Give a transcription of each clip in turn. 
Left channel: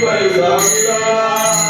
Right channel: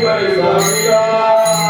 頑張れ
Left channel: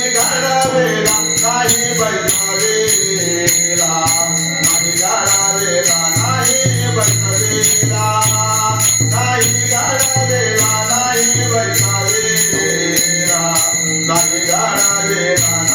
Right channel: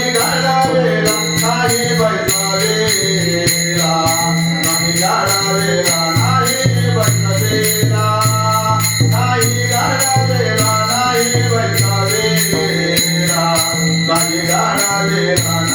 नाही वैभवे रामरा दे नाई वैवे राम देवा नाही वैभव ते राम ई गण दे